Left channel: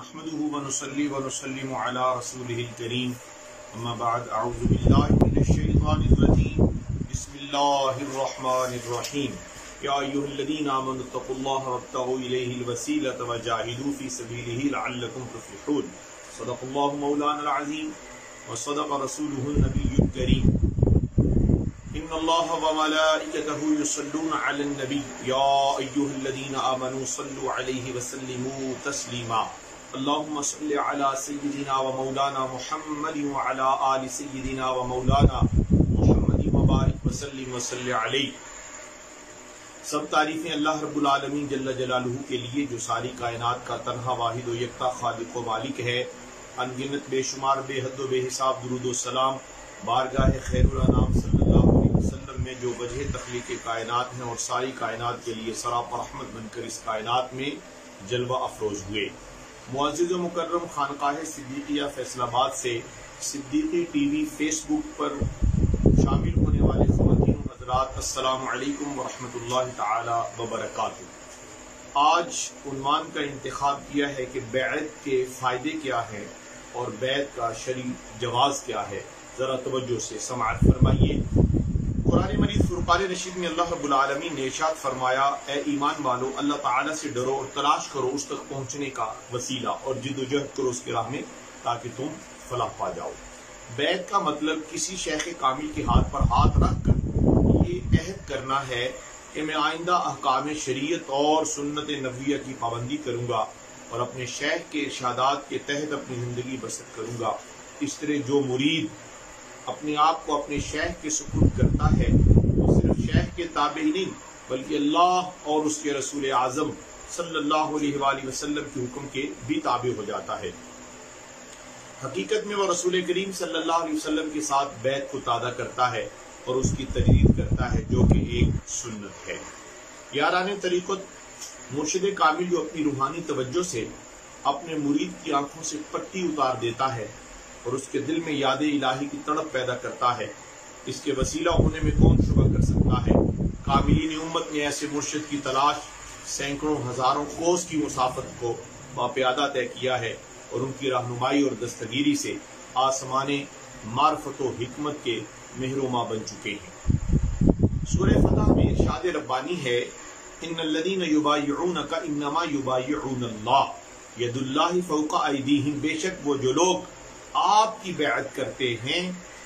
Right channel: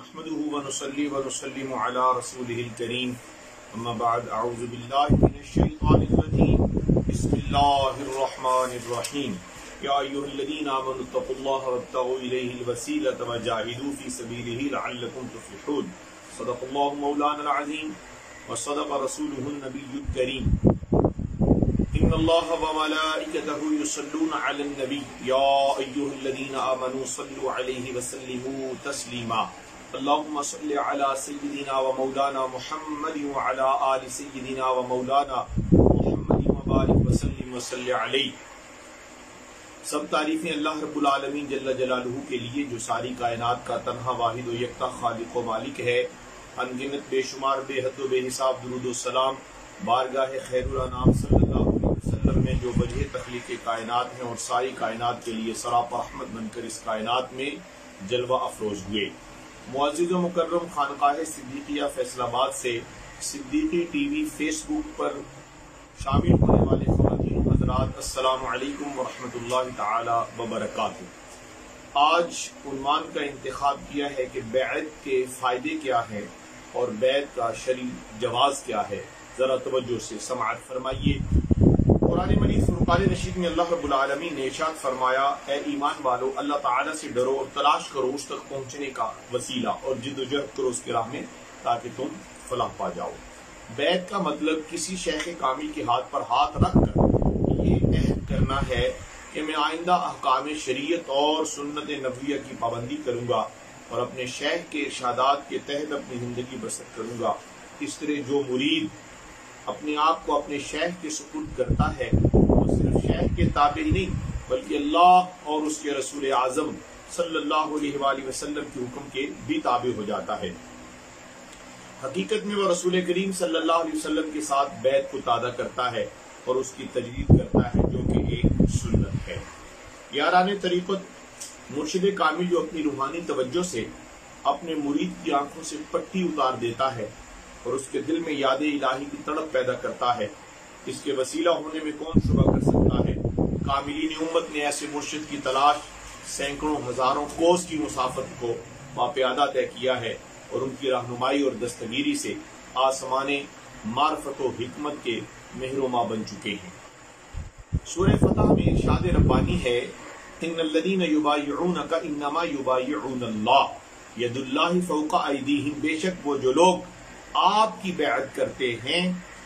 نحمده ونصلي ونسلم على رسوله الكريم اما بعد اعوذ بالله من الشيطان الرجيم بسم الله الرحمن الرحيم يا ايها الذين امنوا اتقوا الله وابتغوا اليه الوسيلة وجاهدوا في سبيله لعلكم تفلحون صدق الله مولانا العظيم وصدق رسوله النبي الكريم ان الله وملائكته يصلون على النبي يا ايها الذين امنوا صلوا عليه وسلموا تسليما اللهم صل على سيدنا ومولانا محمد وعلى آل سيدنا ومولانا محمد وبارک وسلم وصلی علیہ۔ سب تعریفیں اللہ رب العالمین جل جلالہ کے لیے جو ساری کائنات کا تنہا واحد و یکتا خالق و مالک ہے۔ ان گنت بے شمار بے حد و بے حساب درود و سلام بارگاہ خیر الانام صلی اللہ علیہ وسلم میں جو وجہ تخلیق کائنات ہیں اور ساری کائنات کے لیے سراپا رحمت بن کر اس کائنات میں جلوہ افروز ہوئے۔ معزز و مکرم خانقاہ صدیقیہ فیصل آباد سے صدیقی ٹی وی فیس بک پر شامل ہونے والے خواتین و حضرات السلام علیکم ورحمۃ اللہ تعالی وبرکاتہ۔ آج عنوان کا انتخاب کیا ہے کہ بیعت کے فائدے کیا ہیں اور بیعت کا شرعی جواز کیا ہے، ذرا توجہ سے سماعت فرمائیے۔ قرآن مجید فرقان رشید میں اللہ رب العالمین نے ارشاد فرمایا، اے ایمان والو اللہ تعالیٰ سے ڈرو اور تلاش کرو اس تک پہنچنے کا وسیلہ اور جد و جہد کرو اس کی راہ میں تاکہ تم فلاح پا جاؤ۔ بیعت کا مطلب کسی شیخ کامل کے ہاتھ پر ہاتھ رکھ کر یہ عہد کرنا ہے کہ میں آئندہ احکام شریعت اور سنت نبویہ کی پابندی کروں گا اور اپنے شیخ کے ارشادات کے تحت اپنی زندگی بسر کروں گا۔ اس طرح جو مرید اپنے آپ کو اپنے شیخ کے سپرد کرتا ہے وہ صرف شیخ کے تابع ہی نہیں بلکہ اللہ اور اس کے رسول اعظم صلی اللہ علیہ وآلہ وسلم کے حکم کے بھی تابع ہو جاتا ہے۔ حقیقت میں وہ رسول کریم صلی اللہ علیہ وسلم کے ساتھ بیعت کو تازہ کرتا ہے اور اس کی تجدید کرتا ہے جو کہ ایک سنت ہے۔ یاران طریقت مرشد کامل جو اپنی روحانی توجہ سے اپنے مرید کی آنکھوں سے پٹی اتار دیتا ہے اور اس کے دل میں یاد الہی کی تڑپ پیدا کرتا ہے، اس کے وسیلہ ہونے میں کون شبہ کر سکتا ہے۔ کاملین امت نے ایسے مرشد کی تلاش سینکڑوں ہزاروں کوس کی مسافت کو باپیادہ طے کیا ہے اور ان کی رہنمائی اور دستگیری سے آسمان معرفت و حکمت کے مہرما بن چکے ہیں۔ سورہ فتح میں ارشاد ربانی ہے، ان الذین یبایعونک انما یبایعون اللہ ید اللہ فوق ایدیہم، بے شک وہ جو لوگ آپ کی بیعت کرتے ہیں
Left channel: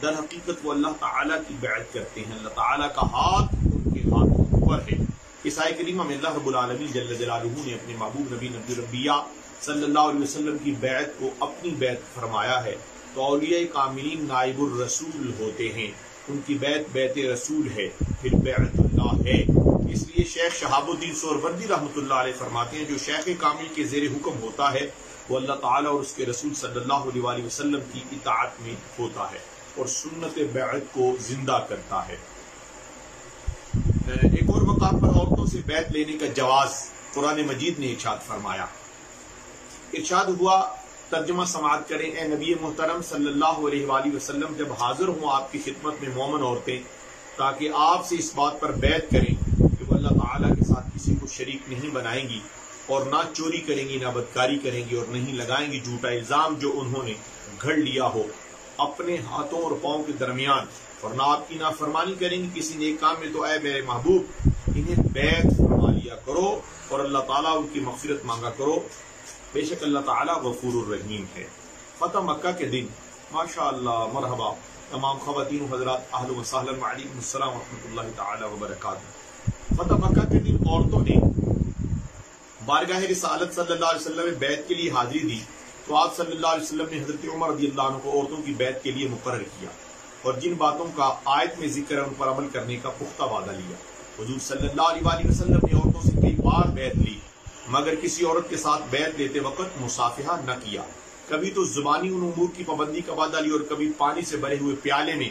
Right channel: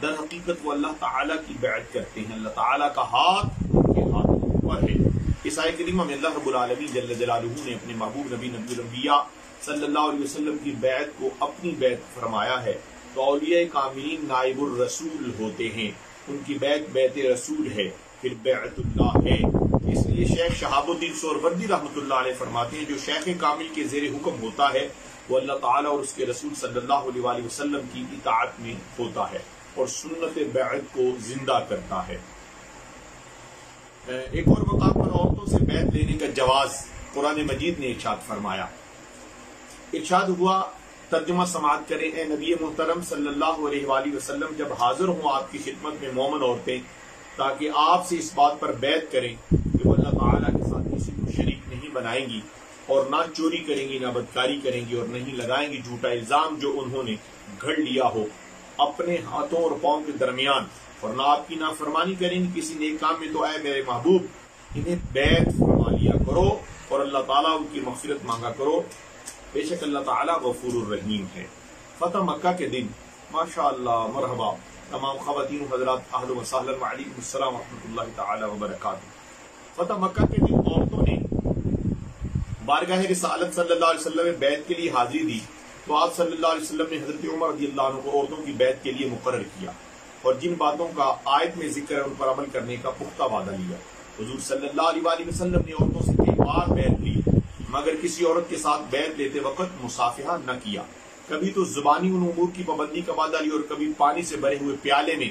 در حقیقت وہ اللہ تعالیٰ کی بیعت کرتے ہیں، اللہ تعالیٰ کا ہاتھ ان کے ہاتھوں پر ہے۔ اس آیت کریمہ میں اللہ رب العالمین جل جلالہ نے اپنے محبوب نبی الانبیاء صلی اللہ علیہ وسلم کی بیعت کو اپنی بیعت فرمایا ہے۔ تو اولیاء کاملین نائب الرسول ہوتے ہیں، ان کی بیعت بیعت رسول ہے، پھر بیعت اللہ ہے۔ اس لیے شیخ شہاب الدین سہروردی رحمۃ اللہ علیہ فرماتے ہیں جو شیخ کامل کے زیر حکم ہوتا ہے وہ اللہ تعالیٰ اور اس کے رسول صلی اللہ علیہ وآلہ وسلم کی اطاعت میں ہوتا ہے اور سنت بیعت کو زندہ کرتا ہے۔ ایک اور مقام پر عورتوں سے بیعت لینے کا جواز قرآن مجید نے ارشاد فرمایا۔ ارشاد ہوا، ترجمہ سماعت کریں، اے نبی محترم صلی اللہ علیہ وآلہ وسلم جب حاضر ہوں آپ کی خدمت میں مومن عورتیں تاکہ آپ سے اس بات پر بیعت کریں کہ وہ اللہ تعالیٰ کے ساتھ کسی کو شریک نہیں بنائیں گی اور نہ چوری کریں گی، نہ بدکاری کریں گی اور نہیں لگائیں گی جھوٹا الزام جو انہوں نے گھڑ لیا ہو اپنے ہاتھوں اور پاؤں کے درمیان، اور نہ آپ کی نافرمانی کریں گی کسی نیک کام میں، تو اے میرے محبوب انہیں بیعت فرما لیا کرو اور اللہ تعالیٰ ان کی مغفرت مانگا کرو، بے شک اللہ تعالیٰ غفور الرحیم ہے۔ فتح مکہ کے دن ماشاء اللہ مرحبا تمام خواتین و حضرات، اہلا و سہلا وعلیکم السلام ورحمۃ اللہ تعالی وبرکاتہ۔ فتح مکہ کے دن عورتوں نے بارگاہ رسالت صلی اللہ علیہ وسلم میں بیعت کے لیے حاضری دی تو آپ صلی اللہ علیہ وسلم نے حضرت عمر رضی اللہ عنہ کو عورتوں کی بیعت کے لیے مقرر کیا اور جن باتوں کا آیت میں ذکر ہے ان پر عمل کرنے کا پختہ وعدہ لیا۔ حضور صلی اللہ علیہ وآلہ وسلم نے عورتوں سے کئی بار بیعت لی مگر کسی عورت کے ساتھ بیعت لیتے وقت مصافحہ نہ کیا، کبھی تو زبانی ان امور کی پابندی کا وعدہ لیا اور کبھی پانی سے بھرے ہوئے پیالے میں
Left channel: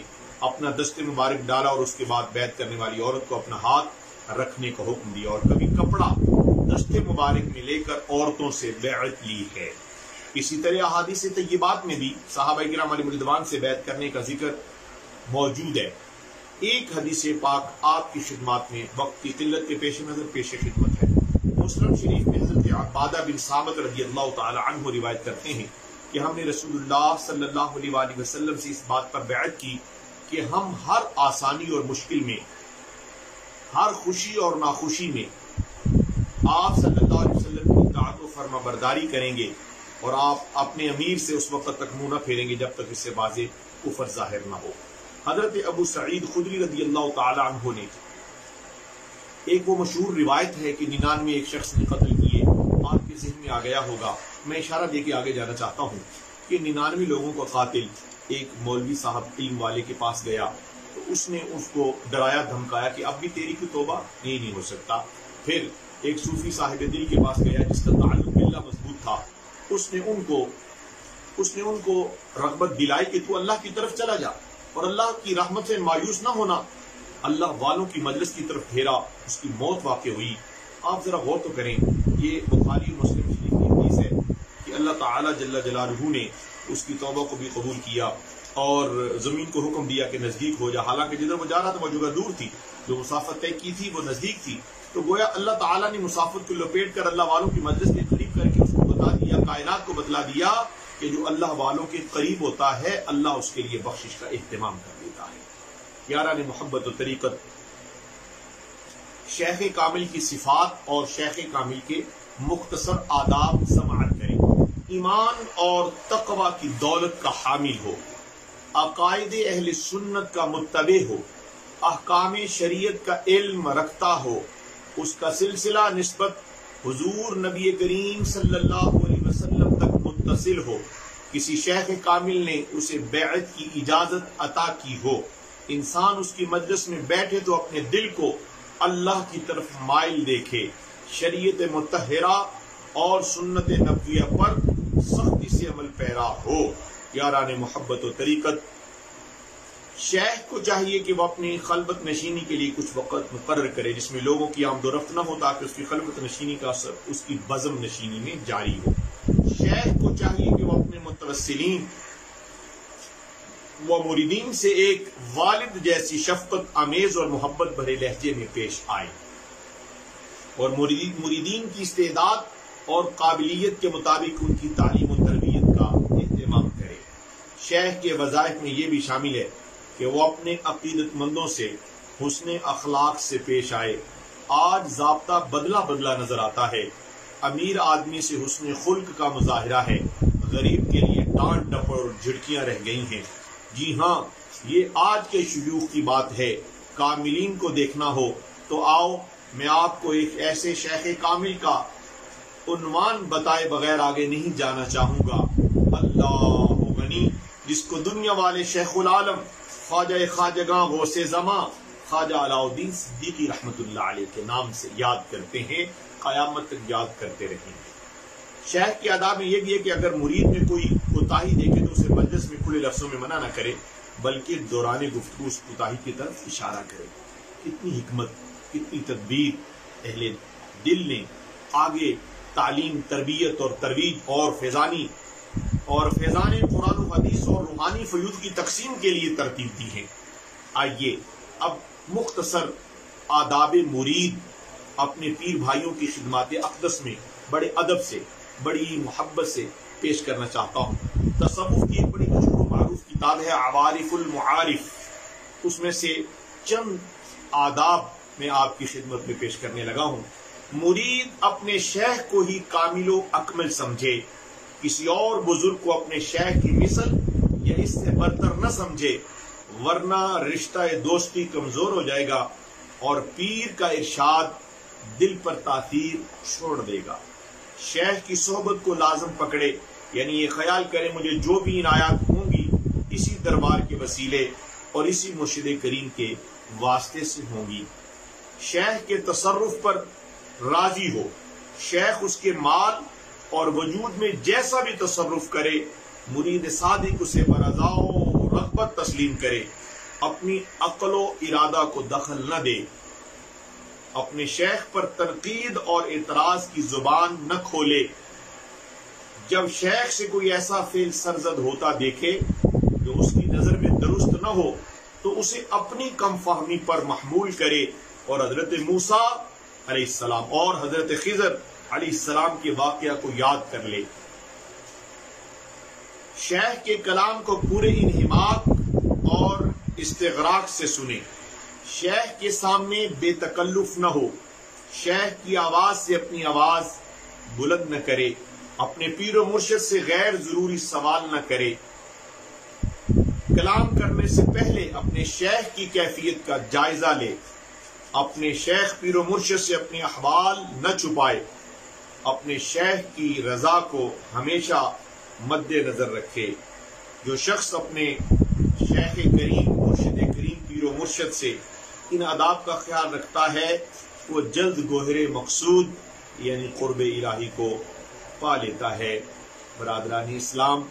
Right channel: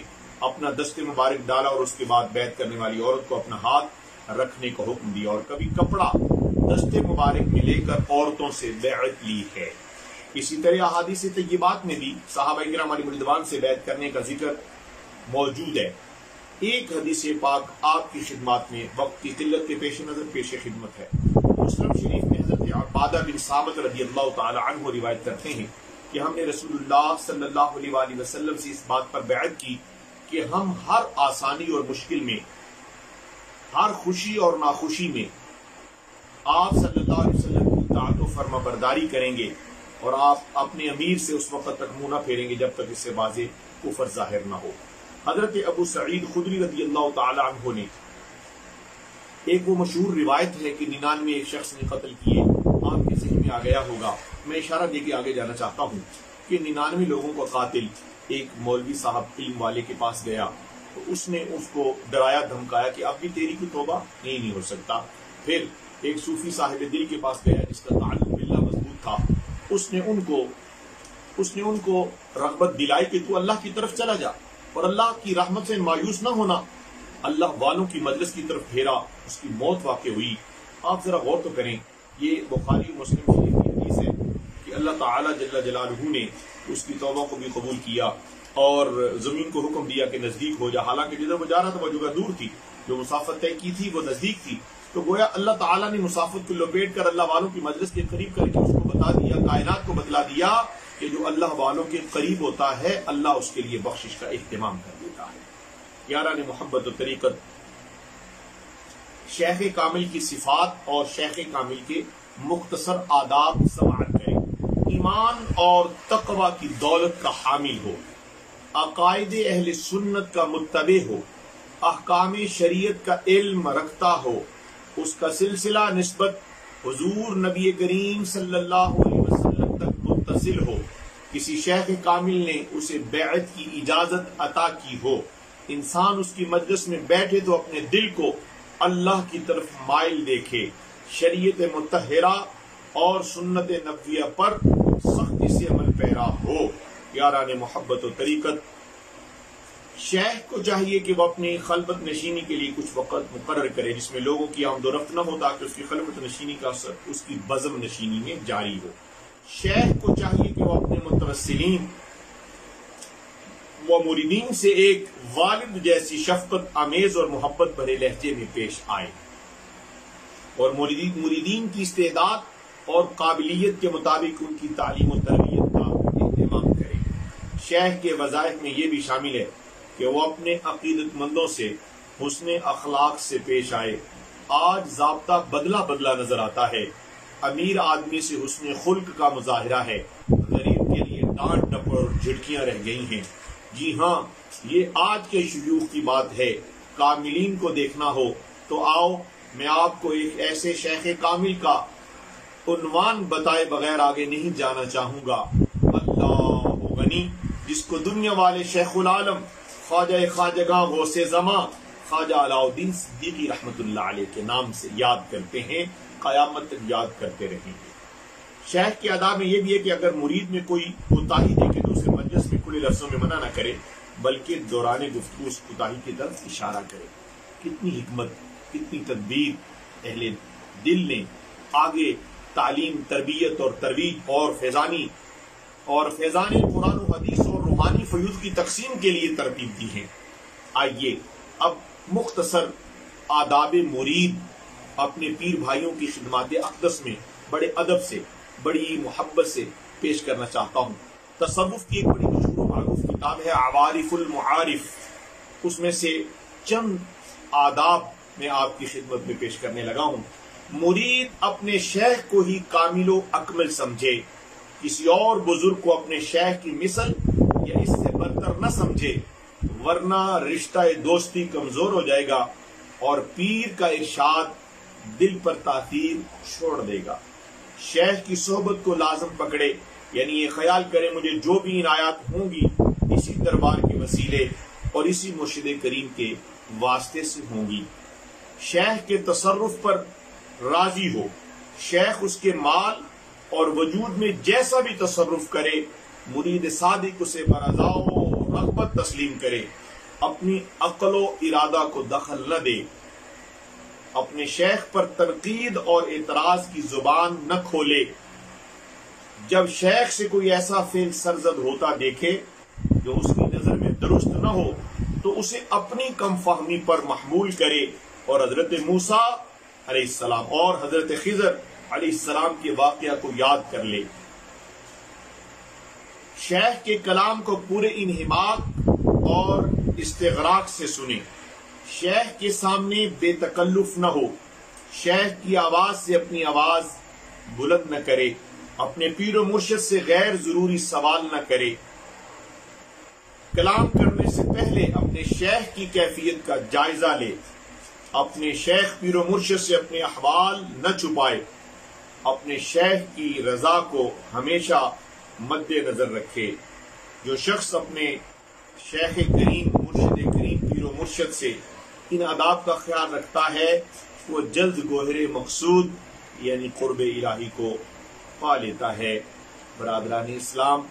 اپنا دست مبارک ڈالا اور اس کے بعد بیعت کرنے والی عورت کو اپنا ہاتھ رکھنے کا حکم دیا، اور کبھی کپڑا دست مبارک میں لے کر عورتوں سے بیعت لی ہے۔ اسی طرح احادیث طیبات میں بھی صحابہ کرام علیہم رضوان سے بیعت کرنے کا ذکر موجود ہے۔ ایک حدیث پاک آپ کی خدمات میں وقت کی قلت کے پیش نظر پیش خدمت ہے۔ مسلم شریف میں حضرت عبادہ بن صامت رضی اللہ تعالی عنہ روایت کرتے ہیں کہ ہم نے رسول اللہ صلی اللہ علیہ وآلہ وسلم سے اس بات پر بیعت کی کہ ہم ہر آسانی اور مشکل میں، ہر خوشی اور ناخوشی میں آپ صلی اللہ علیہ وسلم کی اطاعت و فرما برداری کریں گے، اور آپ اپنے امیر سے اس وقت تک منہ نہ پھیریں گے جب تک اس سے واضح کفر ظاہر نہ ہو۔ حضرت ابو سعید خدری رضی اللہ تعالی عنہ نے ایک وہ مشہور روایت ہے کہ 99 ایک شخص نے قتل کیے، آپ کے ذہن میں آ گیا ہوگا، میں اشارہ دے کے آگے جانا چاہتا ہوں کہ 99 لوگوں کا قاتل ایک مولوی صاحب علم والے کے پاس گیا تو اس نے اس کو ڈرایا دھمکایا کہ اب بھی تیری کوئی توبہ نہیں ہو سکتا۔ پھر ایک صوفی صاحب دل کے پاس گیا جس کا تعلق باللہ مضبوط تھا، اس نے ان کو رغبت دلائی کہ تو اللہ کی طرف چلا جا اور اللہ کی رحمت سے مایوس نہ ہونا، اللہ والوں کی مجلس کی طرف پھیرا، اس کی موت واقع ہوئی۔ آپ ذرا غور تو کریں، یہ بخاری مسلم شریف کی حدیث ہے کہ اللہ تعالی جل جلالہ نے اس کی توبہ کو بھی قبول کیا اور زمین کو حکم دیا کہ نزدیک ہو جا، حالانکہ جدھر وہ جا رہا تھا وہ جگہ دور تھی، جو مسافت طے کی تھی وہ نزدیک تھی، تو گویا اللہ تعالیٰ نے مسافت کو لپیٹ کر اللہ والوں کی مجلس کے قریب کر کے اس کو بتا دیا، کائنات کو بتلا دیا کہ جو اللہ والوں کے قریب ہوتا ہے اللہ اس کے لیے بخشش کا اہتمام کر دیتا ہے۔ یاران محبت و طریقت، شیخ کامل کی صفات اور شیخ کامل کے مختصر آداب سماعت کریں۔ ایمان اور تقوی کی دولت کا حامل ہو، عقائد اہل سنت کا متبع ہو، احکام شریعت کا علم رکھتا ہو، اس کا سلسلہ نسبت حضور نبی کریم صلی اللہ علیہ وسلم تک متصل ہو، کسی شیخ کامل نے اسے بیعت کی اجازت عطا کی ہو، انسان اس کی مجلس میں بیٹھے تو اپنے دل کو اللہ کی طرف مائل دیکھے، شریعت مطہرہ اور سنت نبویہ پر سختی سے عمل پیرا ہو۔ یاران محبت و طریقت، شیخ کو چاہیے کہ وہ اپنی خلوت نشینی کے لیے کچھ وقت مقرر کرے جس میں لوگوں کی آمد و رفت نہ ہو، تاکہ اس کی خلوت نشینی کا اثر اس کی بزم نشینی میں جاری ہو۔ شیخ کو چاہیے کہ وہ اپنے متوسلین و مریدین سے ایک والد جیسی شفقت آمیز اور محبت بھرے لہجے میں پیش آئے اور مریدین کی استعداد اور قابلیت کے مطابق ان کی تعلیم و تربیت کا اہتمام کرے۔ شیخ کے وظائف میں یہ بھی شامل ہے کہ وہ اپنے عقیدت مندوں سے حسن اخلاق سے پیش آئے۔ آج ضابطہ بدلا نظر آتا ہے، امیر آدمی سے حسن خلق کا مظاہرہ ہے، غریب کے لیے ڈانٹ ڈپٹ اور جھڑکیاں رہ گئی ہیں۔ جی ہاں، یہ آج کے شیوخ کی بات ہے۔ کاملین کو دیکھنا ہو تو آؤ میں آپ کو ایک ایسے شیخ کامل کا عنوان بتائے بغیر آگے نہیں جانا چاہوں گا۔ اللہ غنی، جس کو دنیا والے شیخ العالم خواجہ خواجگاں غوث زماں خواجہ علاء الدین صدیقی رحمت اللہ علیہ کے نام سے یاد کرتے ہیں، قیامت تک یاد کرتے رہیں گے۔ شیخ کے آداب میں یہ بھی ہے کہ اگر مرید میں کوئی کوتاہی دیکھے تو اسے مجلس میں کھلے لفظوں میں منع نہ کرے، بلکہ دوران گفتگو اس کوتاہی کی طرف اشارہ کرے۔ کتنی حکمت، کتنی تدبیر اہل دل نے آگے تعلیم، تربیت اور ترویج اور فیضان قرآن و حدیث اور روحانی فیوض کی تقسیم کے لیے ترتیب دی ہے۔ آئیے اب مختصر آداب مرید اپنے پیر بھائیوں کی خدمات اقدس میں بڑے ادب سے، بڑی محبت سے پیش کرنا چاہتا ہوں۔ تصوف کی ایک بڑی مشہور و معروف کتاب ہے عوارف المعارف، اس میں سے چند آداب میں آپ کی خدمت میں پیش کرنے لگا ہوں۔ مرید اپنے شیخ کو ہی کامل و اکمل سمجھے، کسی اور بزرگ کو اپنے شیخ کی مثل یا اس سے برتر نہ سمجھے، ورنہ رشتہ دوستی کمزور ہو جائے گا اور پیر کا ارشاد دل پر تاثیر چھوڑ دے گا۔ شیخ کی صحبت کو لازم پکڑے، یعنی یہ خیال کرے مجھے جو بھی عنایات ہوں گی اسی دربار کے وسیلے اور اسی مرشد کریم کے واسطے سے ہوں گی۔ شیخ کے تصرف پر راضی ہو، شیخ اس کے مال اور وجود میں جیسا بھی تصرف کرے مرید صادق اسے برضا و رغبت تسلیم کرے، اپنی عقل و ارادہ کو دخل نہ دے، اپنے شیخ پر تنقید اور اعتراض کی زبان نہ کھولے۔ جب شیخ سے کوئی ایسا فعل سرزد ہوتا دیکھے جو اس کی نظر میں درست نہ ہو تو اسے اپنی کم فہمی پر محمول کرے اور حضرت موسیٰ علیہ السلام اور حضرت خضر علیہ السلام کے واقعہ کو یاد کر لے. شیخ کے کلام کو پورے انہماک اور استغراق سے سنے. شیخ کے سامنے بے تکلف نہ ہو. شیخ کی آواز سے اپنی آواز بلند نہ کرے. اپنے پیر و مرشد سے غیر ضروری سوال نہ کرے. کلام کرنے سے پہلے اپنے شیخ کی کیفیت کا جائزہ لے. اپنے شیخ پیر و مرشد سے اپنے احوال نہ چھپائے. اپنے شیخ کی رضا کو ہمیشہ مد نظر رکھے. جو شخص اپنے شیخ کریم مرشد کریم پیر و مرشد سے ان آداب کا خیال رکھتا ہے وہ جلد گوہر مقصود یعنی قرب الہی کو پا لیتا ہے. برادران اسلام،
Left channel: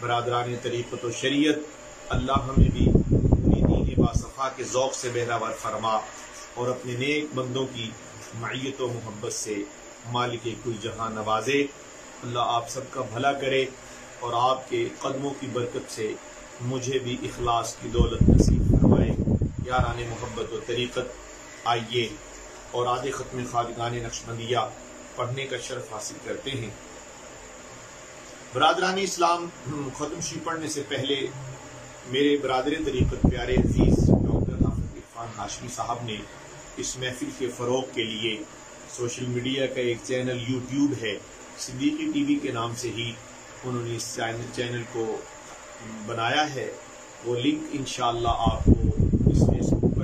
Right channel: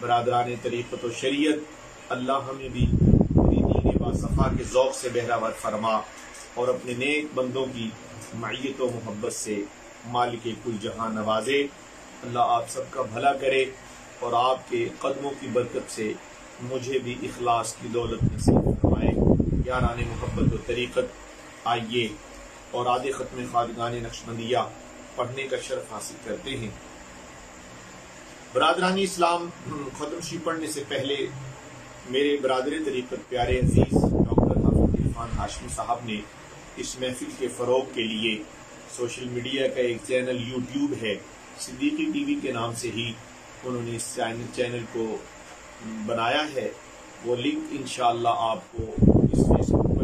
برادران طریقت و شریعت، اللہ ہمیں بھی پوری دین باصفا کے ذوق سے بہراور فرما اور اپنے نیک بندوں کی معیت و محبت سے مالک کل جہاں نوازے. اللہ آپ سب کا بھلا کرے اور آپ کے قدموں کی برکت سے مجھے بھی اخلاص کی دولت نصیب فرمائے. یاران محبت و طریقت، آئیے اور آدھے ختم خواجگان نقشبندیہ پڑھنے کا شرف حاصل کرتے ہیں. برادران اسلام، ختم شریف پڑھنے سے پہلے میرے برادر طریقت پیارے عزیز ڈاکٹر حافظ عرفان ہاشمی صاحب نے اس محفل کے فروغ کے لیے سوشل میڈیا کا ایک چینل یوٹیوب ہے، صدیقی ٹی وی کے نام سے ہی انہوں نے اس چینل کو بنایا ہے. وہ لنک انشاءاللہ آپ کو اس فیس بک پر